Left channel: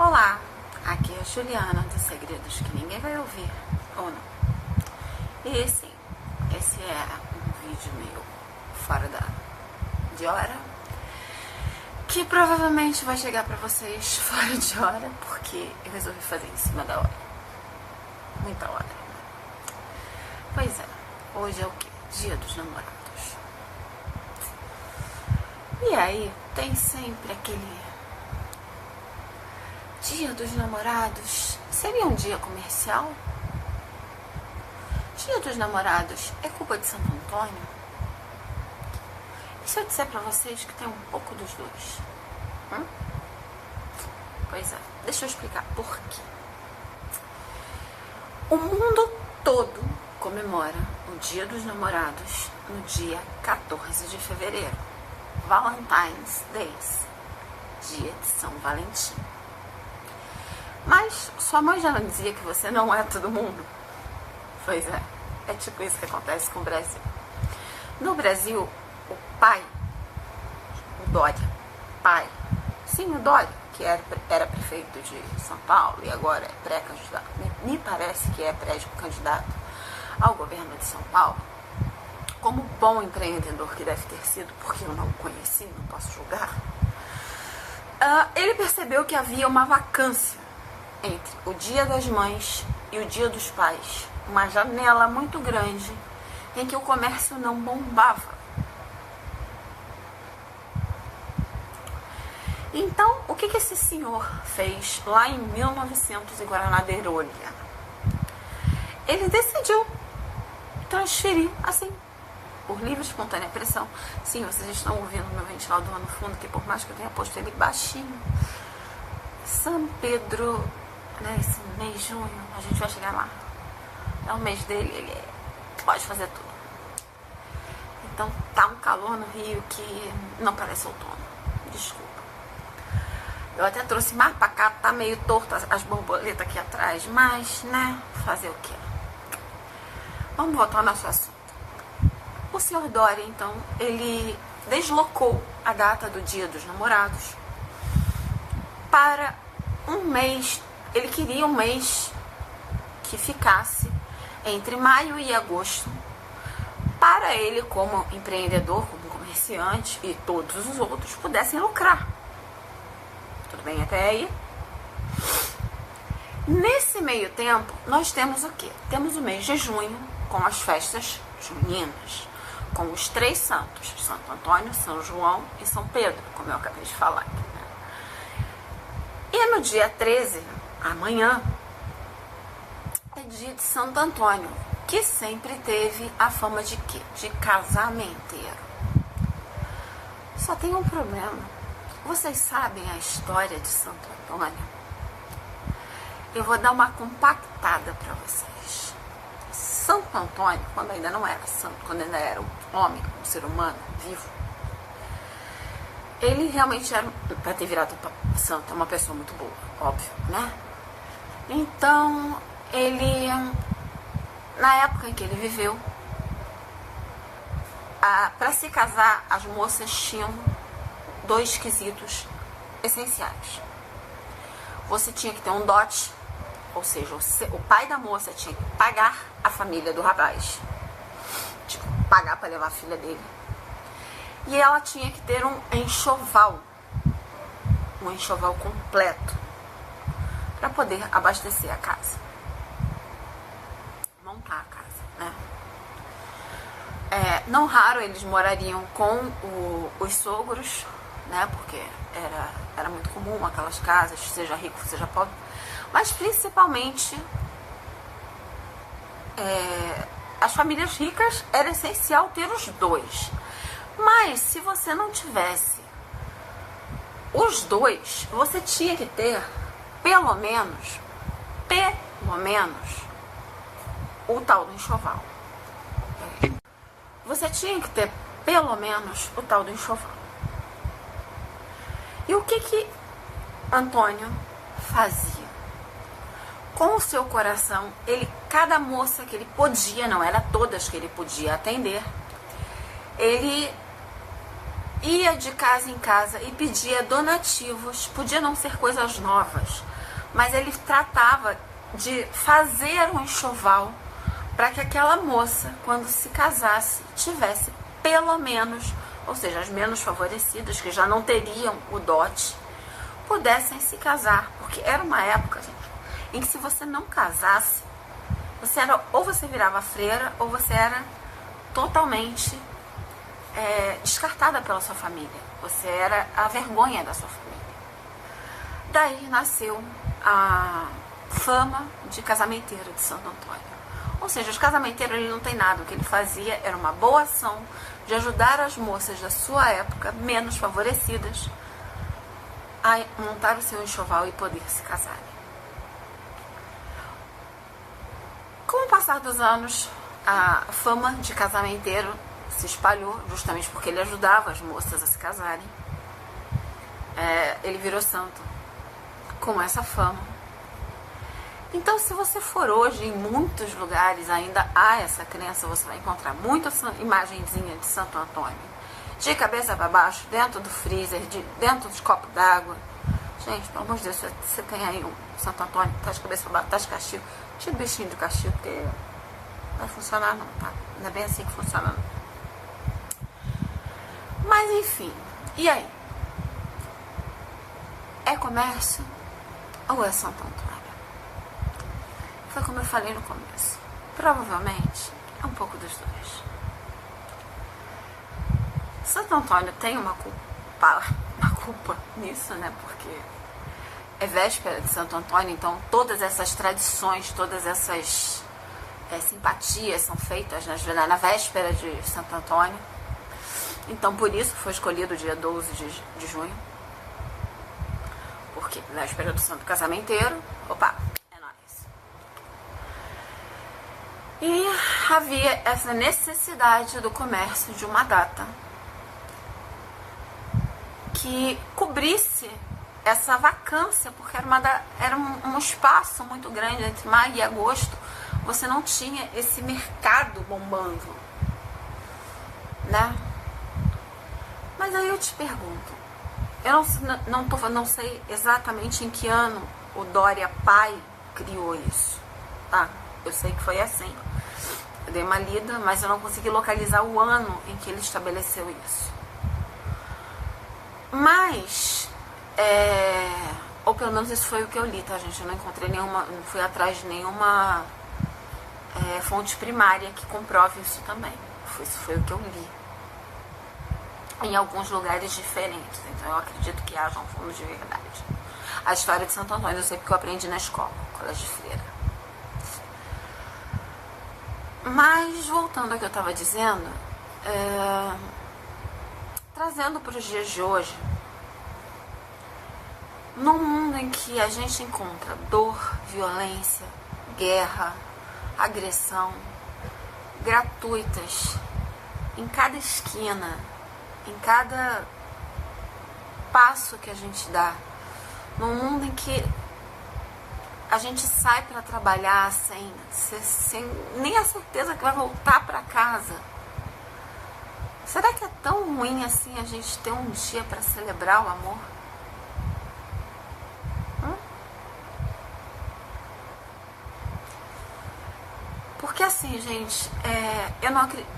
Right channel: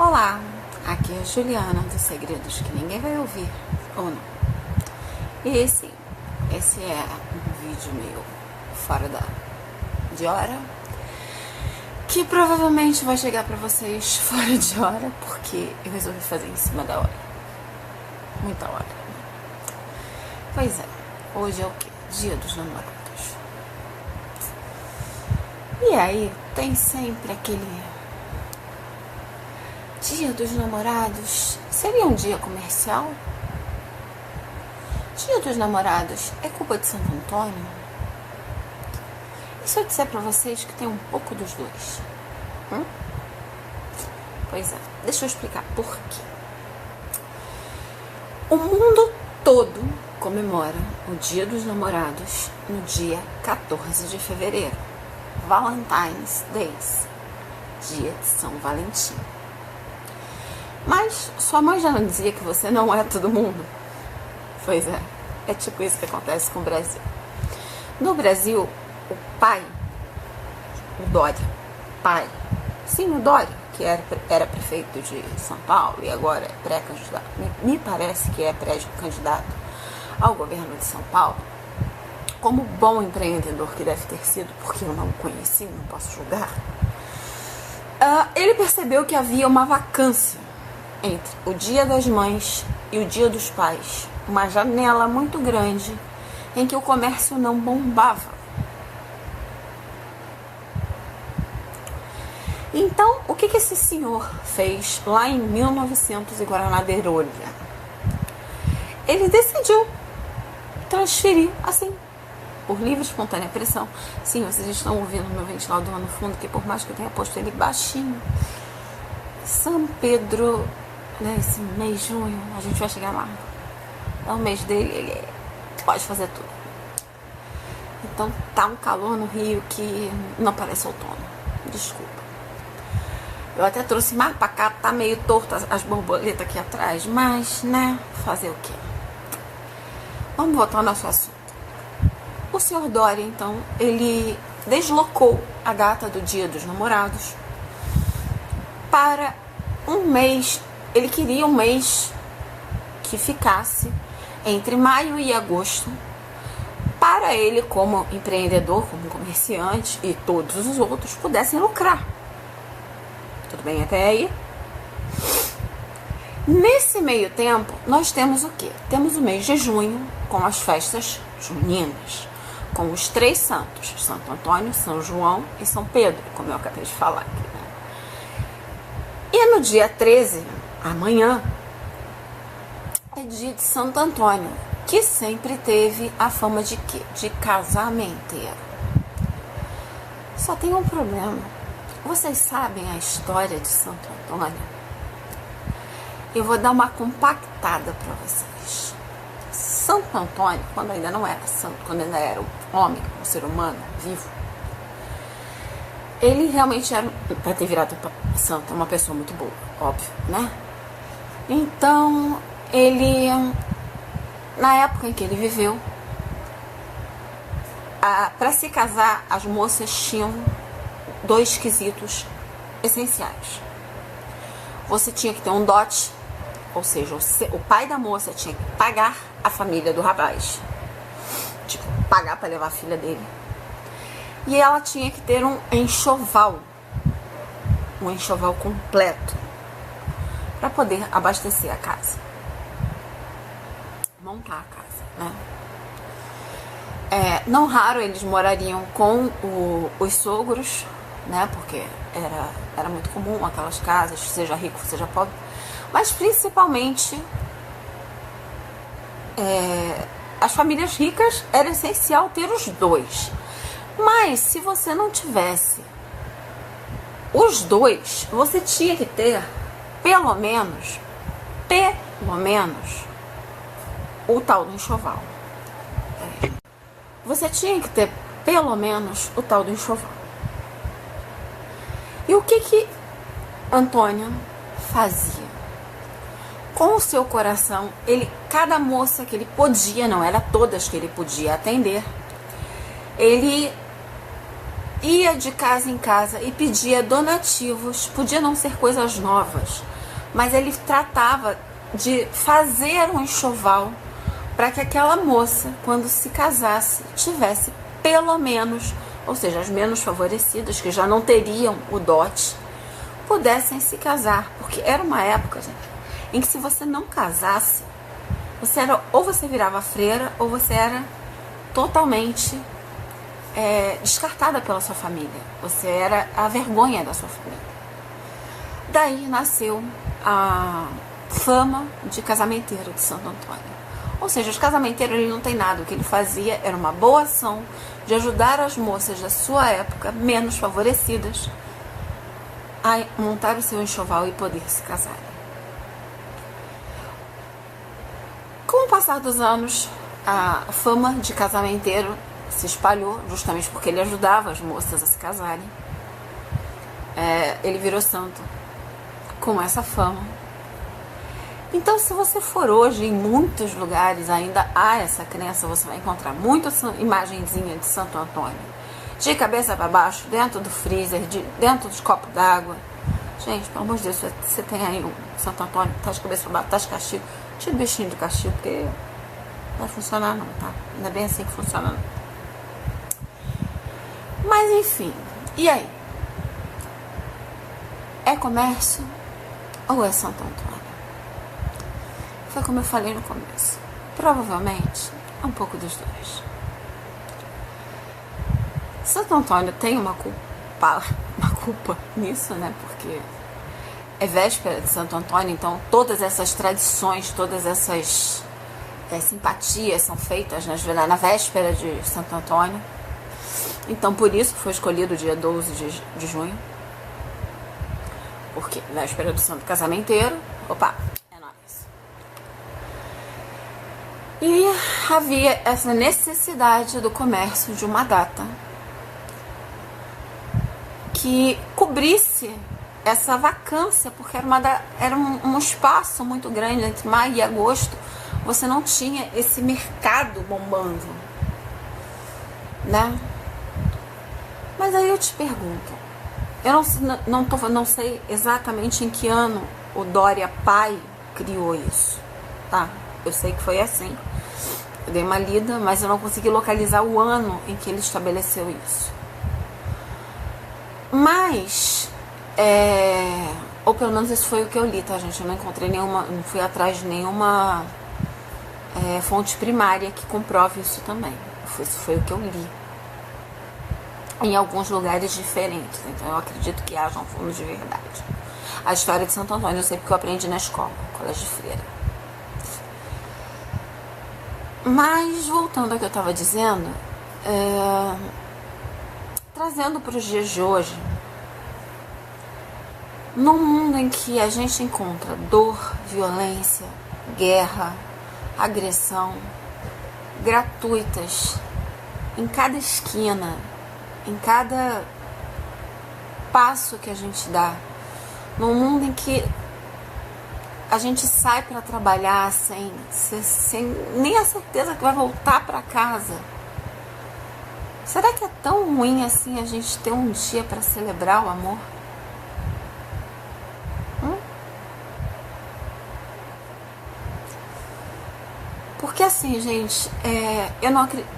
Olá, aqui é a Juliana dos Segredos que ninguém vai ouvir, ou não. E sim, esse é um vídeo meu fora de hora, que provavelmente vai chegar pra vocês fora de hora, porque eu resolvi fazer em cima da hora. Muita hora. Pois é, hoje é o quê? Dia dos Namorados. E aí, tem sempre aquele Dia dos Namorados. Seria um dia comercial? Dia dos Namorados é culpa de Santo Antônio? E se eu disser pra vocês que tem um pouco dos dois? Pois é, deixa eu explicar por quê. O mundo todo comemora o Dia dos Namorados no dia 14 de fevereiro. Valentine's Day, dia de São Valentim. Mas sua mãe já não dizia que você não é todo mundo? Pois é, é tipo isso que acontece com o Brasil. No Brasil, o pai, o Dória, sim, o Dória, que era prefeito de São Paulo e agora é pré-candidato, me parece que é pré-candidato ao governo de São Paulo, como bom empreendedor que deve ter sido, porque eu não o conheci, não posso julgar, ele percebeu que havia uma vacância entre o Dia das Mães e o Dia dos Pais, uma janela muito grande em que o comércio não bombava. Então, o que esse senhor fez lá em 1900 e Guaraná-Derolha? Ele decidiu transferir, assim, por livre e espontânea pressão. Sim, vocês estão ouvindo meu ventilador no fundo, que por mais que eu tenha posto ele baixinho, São Pedro, nesse mês de junho, a gente vai chegar lá. É o mês dele, ele pode fazer tudo. Então tá um calor no Rio que não parece outono. Desculpa. Eu até trouxe mais pra cá, tá meio torto as borboletas aqui atrás, mas, né, fazer o quê? Vamos voltar ao nosso assunto. O senhor Dória, então, ele deslocou a data do Dia dos Namorados para um mês. Ele queria um mês que ficasse entre maio e agosto para ele, como empreendedor, como comerciante e todos os outros, pudessem lucrar. Tudo bem até aí? Nesse meio tempo, nós temos o quê? Temos o mês de junho, com as festas juninas, com os três santos, Santo Antônio, São João e São Pedro, como eu acabei de falar aqui, né? E no dia 13, amanhã, é dia de Santo Antônio, que sempre teve a fama de quê? De casamenteiro. Só tem um problema. Vocês sabem a história de Santo Antônio? Eu vou dar uma compactada para vocês. Santo Antônio, quando ainda não era santo, quando ainda era um homem, um ser humano vivo, ele realmente era, para ter virado santo, uma pessoa muito boa, óbvio, né? Então, ele, na época em que ele viveu, para se casar, as moças tinham dois quesitos essenciais. Você tinha que ter um dote, ou seja, o pai da moça tinha que pagar a família do rapaz, tipo, pagar para levar a filha dele. E ela tinha que ter um enxoval completo, para poder abastecer a casa, montar a casa, né? Não raro eles morariam com os sogros, né? Porque era muito comum aquelas casas, seja rico, seja pobre, mas principalmente as famílias ricas era essencial ter os dois. Mas se você não tivesse os dois, você tinha que ter pelo menos o tal do enxoval. Você tinha que ter pelo menos o tal do enxoval. E o que Antônio fazia? Com o seu coração, cada moça que ele podia, não era todas que ele podia atender, ele ia de casa em casa e pedia donativos. Podia não ser coisas novas, mas ele tratava de fazer um enxoval para que aquela moça, quando se casasse, tivesse pelo menos, ou seja, as menos favorecidas, que já não teriam o dote, pudessem se casar. Porque era uma época, gente, em que se você não casasse, você era, ou você virava freira, ou você era totalmente descartada pela sua família. Você era a vergonha da sua família. Daí nasceu a fama de casamenteiro de Santo Antônio. Ou seja, os casamenteiros, ele não tem nada. O que ele fazia era uma boa ação de ajudar as moças da sua época, menos favorecidas, a montar o seu enxoval e poder se casar. Com o passar dos anos, a fama de casamenteiro se espalhou, justamente porque ele ajudava as moças a se casarem. Ele virou santo com essa fama. Então, se você for hoje em muitos lugares, ainda há essa crença, você vai encontrar muita imagenzinha de Santo Antônio, de cabeça para baixo, dentro do freezer, dentro dos copos d'água. Gente, pelo amor de Deus, você tem aí um Santo Antônio, tá de cabeça para baixo, tá de castigo, tira o bichinho do castigo, porque não vai funcionar não, tá? Não é bem assim que funciona não. Mas enfim, e aí? É comércio ou é Santo Antônio? Foi como eu falei no começo. Provavelmente é um pouco dos dois. Santo Antônio tem uma culpa nisso, né? Porque é véspera de Santo Antônio, então todas essas tradições, todas essas simpatias são feitas na véspera de Santo Antônio. Então por isso foi escolhido o dia 12 de junho. Porque véspera do Santo Casamenteiro. Opa! E havia essa necessidade do comércio de uma data que cobrisse essa vacância, porque era um espaço muito grande entre maio e agosto. Você não tinha esse mercado bombando, né? Mas aí eu te pergunto, eu não sei exatamente em que ano o Dória pai criou isso, tá? Eu sei que foi assim. Eu dei uma lida, mas eu não consegui localizar o ano em que ele estabeleceu isso. Mas, ou pelo menos esse foi o que eu li, tá, gente? Eu não encontrei nenhuma, não fui atrás de nenhuma fonte primária que comprove isso também. Isso foi o que eu li. Em alguns lugares diferentes. Então eu acredito que haja um fundo de verdade. A história de Santo Antônio eu sei porque eu aprendi na escola, colégio de freira. Mas, voltando ao que eu estava dizendo, trazendo para os dias de hoje, num mundo em que a gente encontra dor, violência, guerra, agressão, gratuitas, em cada esquina, em cada passo que a gente dá, num mundo em que a gente sai para trabalhar sem nem a certeza que vai voltar para casa. Será que é tão ruim assim a gente ter um dia para celebrar o amor? Porque assim, gente, eu não acredito.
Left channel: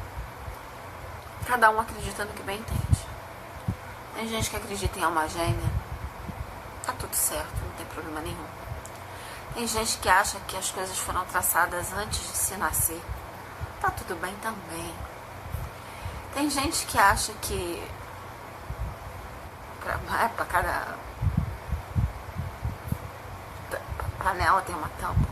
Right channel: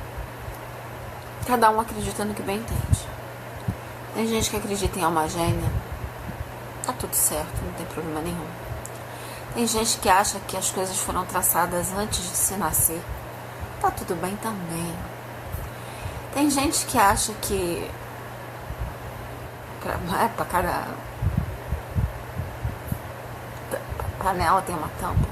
Cada um acredita no que bem entende. Tem gente que acredita em alma gêmea. Tá tudo certo, não tem problema nenhum. Tem gente que acha que as coisas foram traçadas antes de se nascer. Tá tudo bem também. Tem gente que acha que para cada panela tem uma tampa.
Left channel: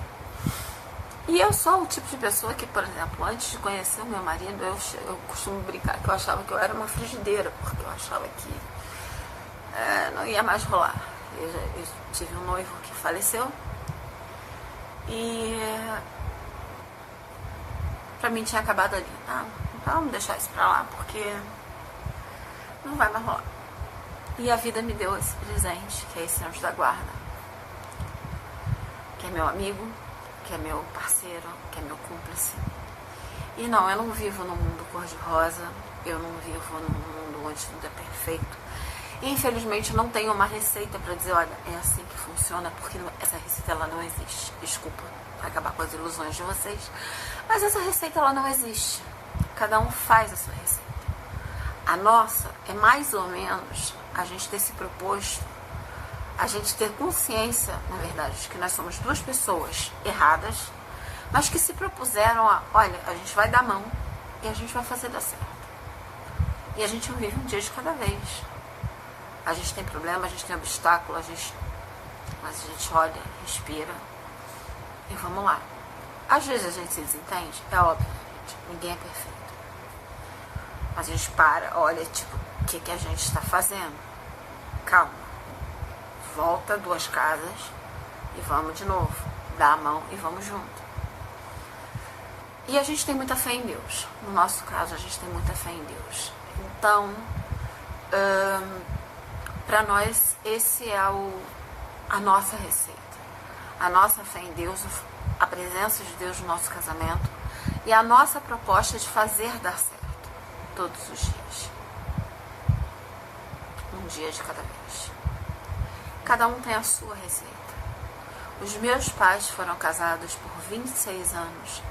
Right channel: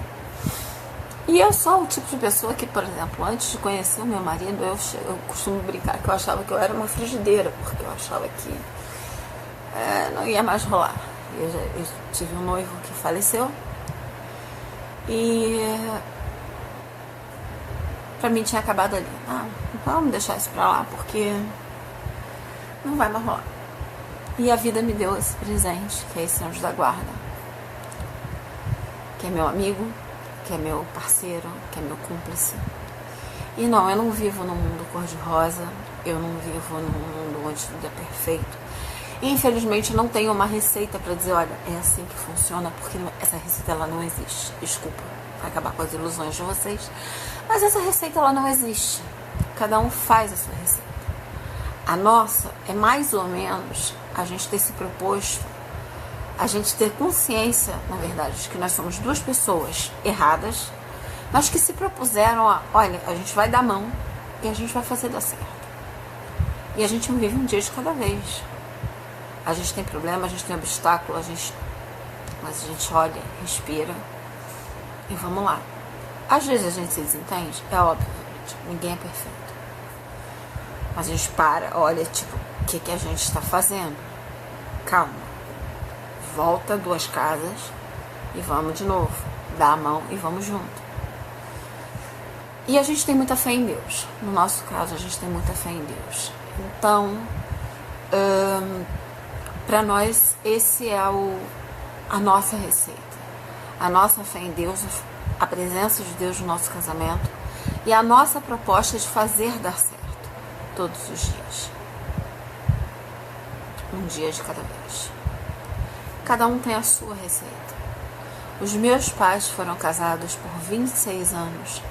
E eu sou o tipo de pessoa que, por exemplo, antes de conhecer o meu marido, eu costumo brincar que eu achava que eu era uma frigideira, porque eu achava que não ia mais rolar. Eu tive um noivo que faleceu. E pra mim tinha acabado ali. Então vamos deixar isso pra lá, porque não vai mais rolar. E a vida me deu esse presente, que é esse anjo da guarda, que é meu amigo, que é meu parceiro, que é meu cúmplice, E não, eu não vivo num mundo cor-de-rosa, eu não vivo num mundo onde tudo é perfeito. E, infelizmente, eu não tenho uma receita para dizer, olha, é assim que funciona, porque essa receita ela não existe. Desculpa acabar com as ilusões de vocês, mas essa receita ela não existe. Cada um faz a sua receita. A nossa é mais ou menos a gente ter se proposto, a gente ter consciência, na verdade, de que nós somos duas pessoas erradas, mas que se propuseram a, olha, a gente vai dar a mão e a gente vai fazer dar certo. E a gente não vive um dia de cada vez. A gente tem problema, a gente tem obstáculo, mas a gente olha, respira e vamos lá. Às vezes a gente se desentende, é óbvio, gente, ninguém é perfeito. Mas a gente para, olha, tipo, o que a gente está fazendo? Calma. Volta 2 casas e vamos de novo. Dá a mão e vamos junto. E a gente tem muita fé em Deus. No nosso caso, a gente tem muita fé em Deus. Então, para nós, esse é a nossa receita. A nossa fé em Deus, a presença de Deus no nosso casamento e a nossa proposta de fazer dar certo todos os dias. Um dia de cada vez. Cada um tem a sua receita. Os meus pais foram casados por 26 anos,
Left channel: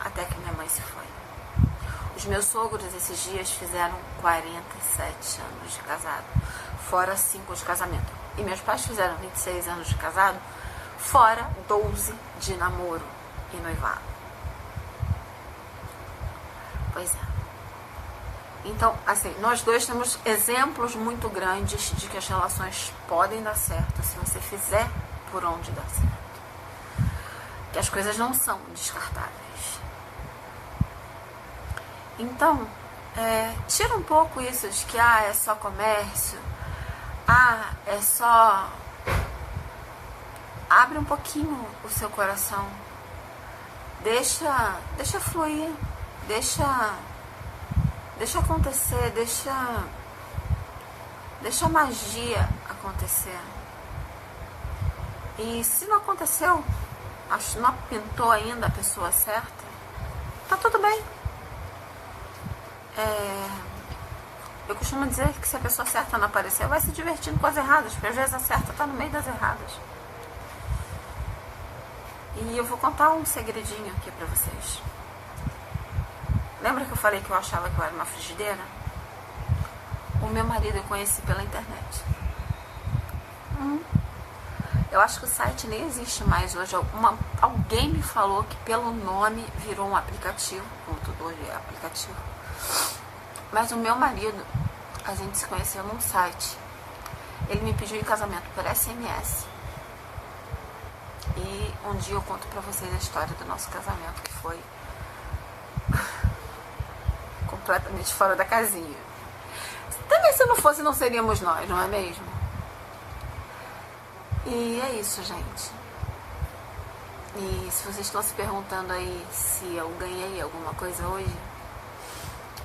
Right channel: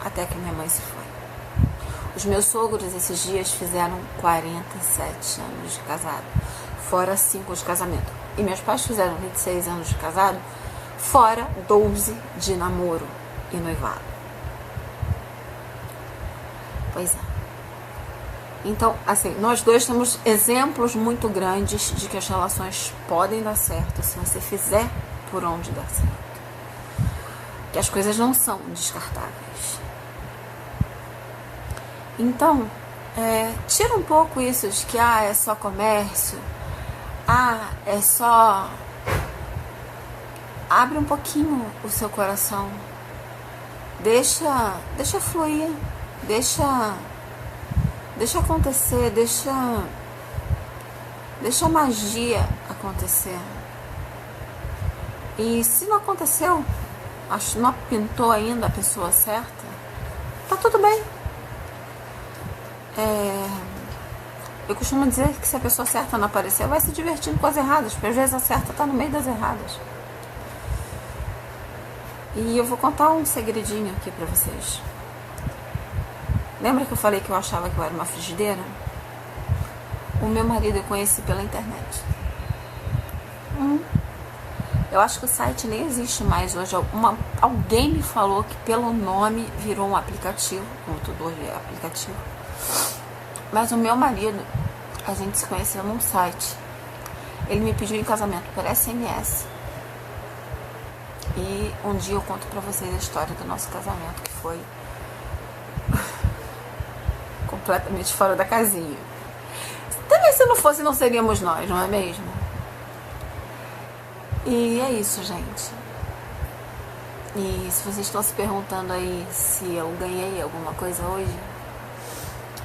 até que minha mãe se foi. Os meus sogros, esses dias, fizeram 47 anos de casado, fora 5 de casamento. E meus pais fizeram 26 anos de casado, fora 12 de namoro e noivado. Pois é. Então, assim, nós dois temos exemplos muito grandes de que as relações podem dar certo se você fizer por onde dar certo. Que as coisas não são descartáveis. Então, tira um pouco isso de que, é só comércio, é só... Abre um pouquinho o seu coração. Deixa fluir, deixa acontecer, deixa a magia acontecer. E se não aconteceu, acho que não pintou ainda a pessoa certa, tá tudo bem. Eu costumo dizer que se a pessoa certa não aparecer, vai se divertindo com as erradas, porque às vezes a certa tá no meio das erradas. E eu vou contar um segredinho aqui pra vocês. Lembra que eu falei que eu achava que eu era uma frigideira? O meu marido eu conheci pela internet. Eu acho que o site nem existe mais hoje. Alguém me falou que pelo nome virou um aplicativo, como tudo hoje é aplicativo. Mas o meu marido, a gente se conheceu num site. Ele me pediu em casamento por SMS. E um dia eu conto pra vocês a história do nosso casamento, que foi completamente fora da casinha. Também se não fosse, não seríamos nós, não é mesmo? E é isso, gente. E se vocês estão se perguntando aí se eu ganhei alguma coisa hoje,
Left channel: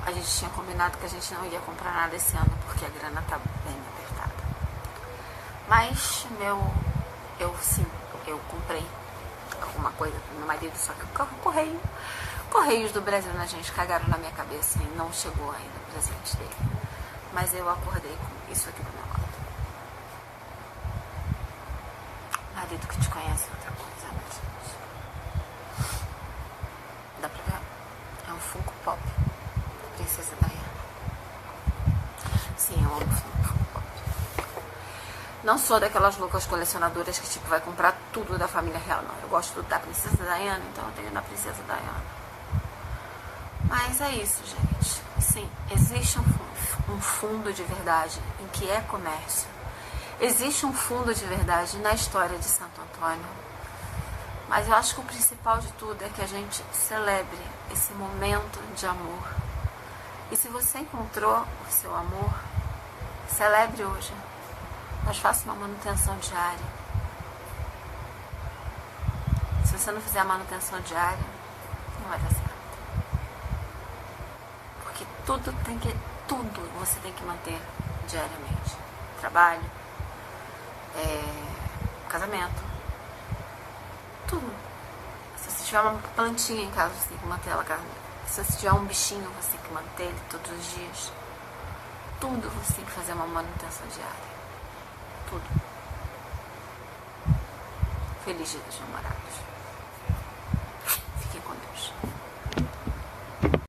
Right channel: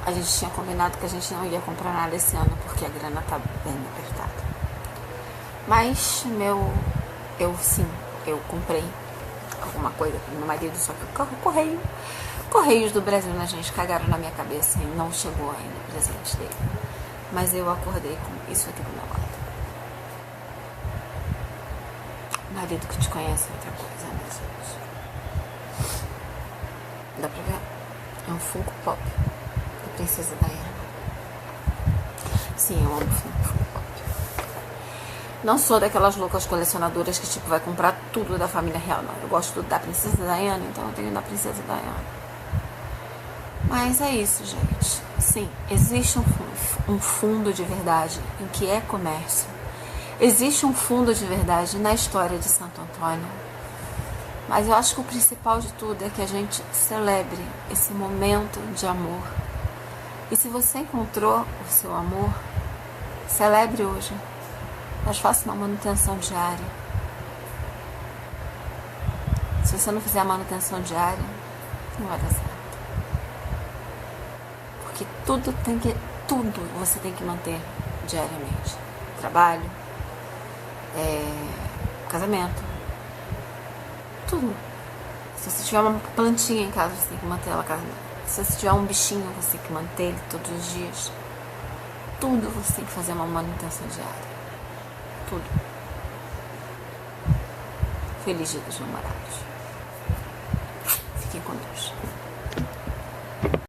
a gente tinha combinado que a gente não ia comprar nada esse ano, porque a grana tá bem apertada. Mas eu comprei alguma coisa pro meu marido, só que o Correios do Brasil, né, gente, cagaram na minha cabeça e não chegou ainda o presente dele. Mas eu acordei com isso aqui do meu lado. Marido que te conhece é outra coisa, né, gente? Dá pra ver? É um Funko Pop da Princesa Diana. Sim, eu amo Funko Pop. Não sou daquelas loucas colecionadoras que, tipo, vai comprar tudo da família real, não. Eu gosto da Princesa Diana, então eu tenho da Princesa Diana. Mas é isso, gente. Sim, existe um fundo de verdade em que é comércio. Existe um fundo de verdade na história de Santo Antônio. Mas eu acho que o principal de tudo é que a gente celebre esse momento de amor. E se você encontrou o seu amor, celebre hoje. Mas faça uma manutenção diária. Se você não fizer a manutenção diária, não vai dar certo. Porque tudo você tem que manter diariamente. Trabalho, casamento, tudo. Se você tiver uma plantinha em casa, você tem que manter ela carnívora. Se você tiver um bichinho, você tem que manter ele todos os dias. Tudo você tem que fazer uma manutenção diária. Tudo. Feliz Dia dos Namorados. Fiquem com Deus.